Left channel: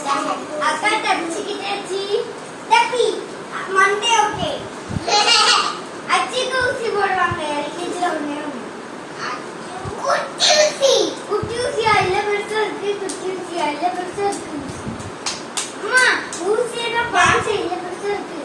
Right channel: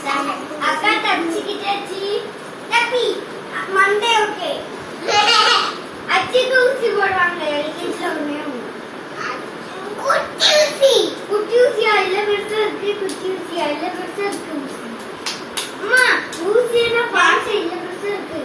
அக்கா தப்பிச்சுக்கிட்டாச்சு. தப்பி Monday okay. அச்சிக்கு ஊசி போடுவாங்க எல்கேஜில ஒண்ணே ஒண்ணு. குட்டி ஊசி. குட்டி ஊசியா இல்ல பெருசா இருக்கு. குட்டி ஊசியா இல்ல பெருசா இருக்கு. அம்மா ஊசி என்ன பாஞ்ச இல்ல பெருசா இருக்கு.